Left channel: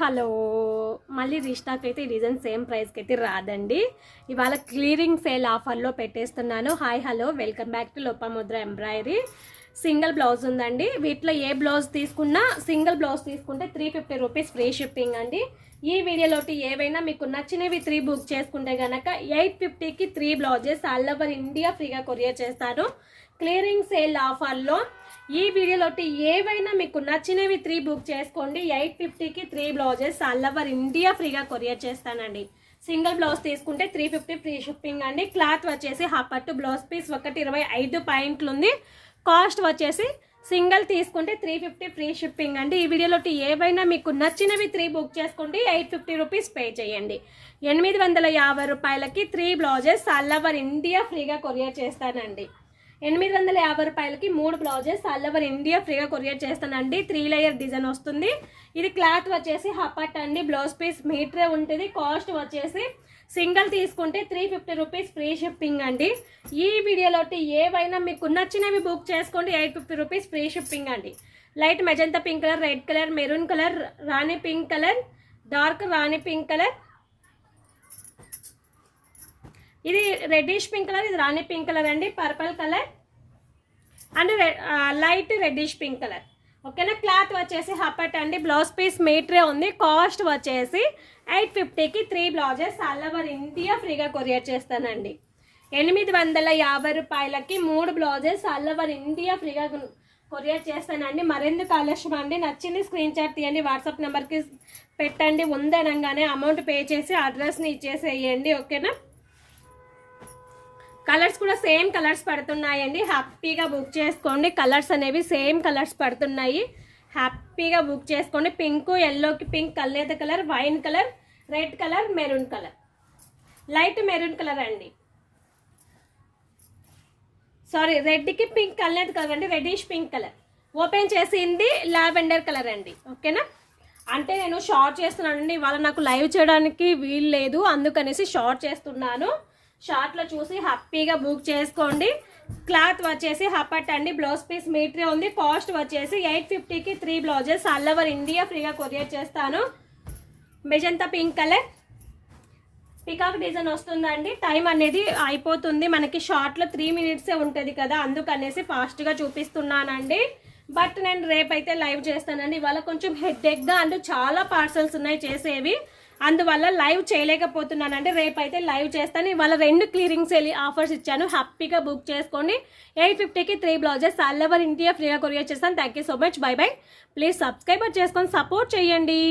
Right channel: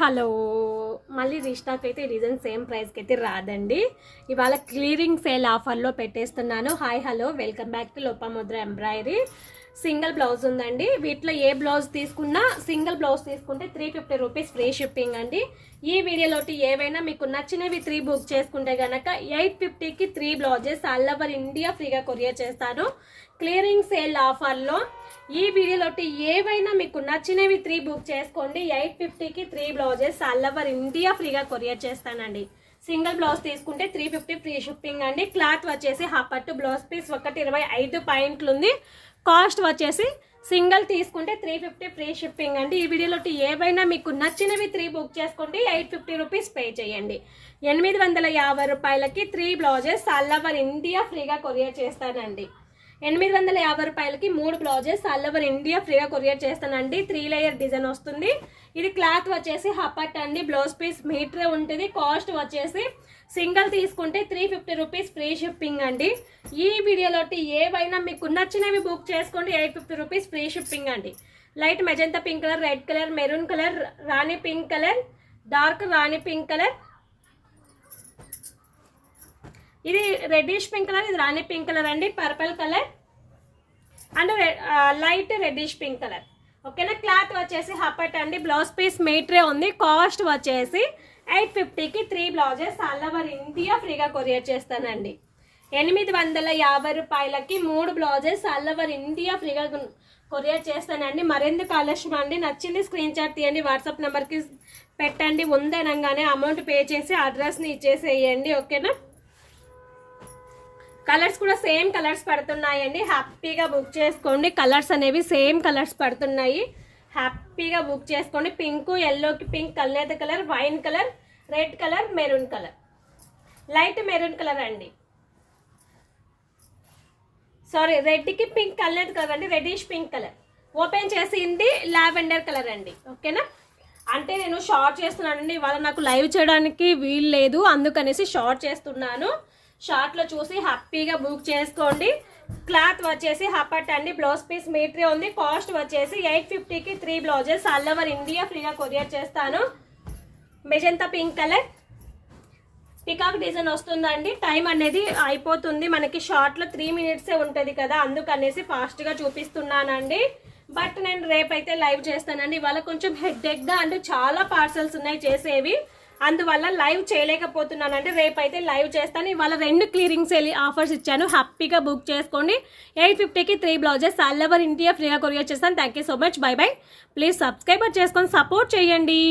Hello. మళ్ళీ restock అయితే ఈ రీజన్ సేమ్ ప్రైస్కి అయితే రాదండి. ఇవాళ క్లియరింగ్ సేల్ ఆఫర్లో పెట్టేస్తున్నాను. Hi hello welcome back to Lopamudra embroidery single blouse ఉందండి. వీటిలో ఏ బ్లౌజ్ తీసుకున్నా సింగిల్ బ్లౌజ్ తీసుకుంటే three fifty rupees free shipping అండి. ఈ వీడియోలోటి ఏవైనా మీకు నచ్చినవి త్రీ బుక్ చేసుకుంటే కనుక ఎయిట్ ఫిఫ్టీకి three blouses all over India ఫ్రీగా కొరియర్ చేస్తాను. క్లియరింగ్ సేల్ ఆఫర్లో ఈ వీడియోలోటి ఏవైనా మీకు నచ్చినవి త్రీ బుక్ చేసుకోండి. ఎయిట్ ఫిఫ్టీకి three blouses all over India ఫ్రీగా కొరియర్ చేస్తానండి. సింగిల్ బ్లౌజ్ తీసుకుంటే త్రీ ఫిఫ్టీ ఫ్రీ షిప్పింగ్ అండి. క్లాత్ వచ్చేసి పట్టు బ్లౌజ్ పీస్ ఒకటి ఇరవై ఐదు పాయింట్లు ఉంది. కాస్ట్ వచ్చేసి సింగిల్ తీసుకుంటే త్రీ ఫిఫ్టీ ఫ్రీ షిప్పింగ్ అండి. ఈ వీడియోలో ఏవైనా మీకు నచ్చినవి త్రీ బుక్ చేసుకోండి. ఎయిట్ ఫిఫ్టీ రూపీస్ పే చేయండి. ఎనిమిది వందల యాభై రూపాయలకి three blouses all over India ఫ్రీగా కొరియర్ చేస్తానండి. ఎనిమిది వందల యాభై రూపాయలకి మూడు బ్లౌజెస్ ఆల్ ఓవర్ ఇండియా ఫ్రీగా కొరియర్ చేస్తానండి. త్రీ లేయర్ డిజైన్ వస్తుంది. ఇది క్లాత్ వచ్చేసి హపట్ అండి. బ్లౌజ్ పీస్ మీటరే ఉంటుంది. కాస్ట్ వచ్చేసి సింగిల్ తీసుకుంటే three fifty rupees free shipping అండి. ఈ వీడియోలో ఏవైనా మీకు నచ్చినవి బుక్ చేసుకోండి. Eight fifty rupees free shipping అండి. Light magenta pink colour red colour maroon colour రాణి పింక్ కలర్ డార్క్ రాణి పింక్ కలర్ ఇది రెడ్డిష్ పింక్ కలర్ ఇది రాణి పింక్ కలర్ అండి purple colour and light reddish pink colour ఓకేనా cloth వచ్చేసి హపట్ అండి blouse piece మీటరే ఉంది. Cost వచ్చేసి ఎయిట్ ఫిఫ్టీకి three blouses all over India ఫ్రీగా కొరియర్ చేస్తానండి. ఎనిమిది వందల యాభై రూపాయలకి మూడు బ్లౌజెస్ ఆల్ ఓవర్ ఇండియా ఫ్రీగా కొరియర్ చేస్తానండి. మరెందుకు ఆలస్యం అండి? నచ్చింది స్క్రీన్ షాట్ తీయండి వాట్సాప్ నెంబర్కి పెట్టండి. ఉందనగానే అమౌంట్ పే చేసి అడ్రస్ని ఇచ్చేసేయండి. ఓకేనా కలర్స్ కూడా సేమ్ కలర్స్ పడుతున్నాయండి. హ్యాపీగా బుక్ చేసుకోండి. కలర్స్ అనేవి సేమ్ కలర్స్ పడుతున్నాయి. హ్యాపీగా బుక్ చేసుకోండి. పింక్ ఎల్లోకి pink కల్నేత colour wine colour red colour maroon colour. Light maroon colour అండి. సారీ రెడ్కి పింక్ కల్నేత కలర్ అండి. Reddish pink colour. ఓపెన్ చేసింది లావెండర్ కలర్ అండి. ఓకేనా? అంటే నేను షార్ట్ చేస్తున్నానండి ఇవాళ నాకు లైవ్ చేయడానికి వీలు లేదు. అందుకనేసి షార్ట్ చేస్తున్నాను. షార్ట్లో చూసి హ్యాపీగా బుక్ చేసుకోండి. క్లాత్ వచ్చేసి హపట్ అండి. బ్లౌజ్ పీస్ మీటరీ ఉంది. కాస్ట్ వచ్చేసి ఎయిట్ ఫిఫ్టీకి three blouses. All over India ఫ్రీగా కొరియర్ చేస్తాను. Magenta pink colour. Peacock design వస్తుందండి. టైం అనేది అయిపోతుంది. మనకి షార్ట్లో త్రీ మినిట్సే ఉంటుంది కదా. అందుకనేసి ఫాస్ట్గా చూపిస్తున్నానండి. బట్ నేను రేపైతే లైవ్ చేస్తానండి. ఇవాళ కొంచెం హెడ్ఎక్గా అండ్ చాలా పార్సల్స్ ఉన్నాయి చేసేవి. అందువల్ల లైవ్ చేయలేకపోతున్నాను అంటే రేపైతే లైవ్ చేస్తాను. ఇవాళ రెండు క్లియరింగ్స్ వెళ్ళి ఆఫర్స్ ఇచ్చాను. హ్యాపీగా బుక్ చేసుకోండి. ఎయిట్ ఫిఫ్టీకి three blouses all over India ఫ్రీగా కొరియర్ చేస్తాను. Thank you so much bye bye please subscriber చేసుకొని సపోర్ట్ చేయండి.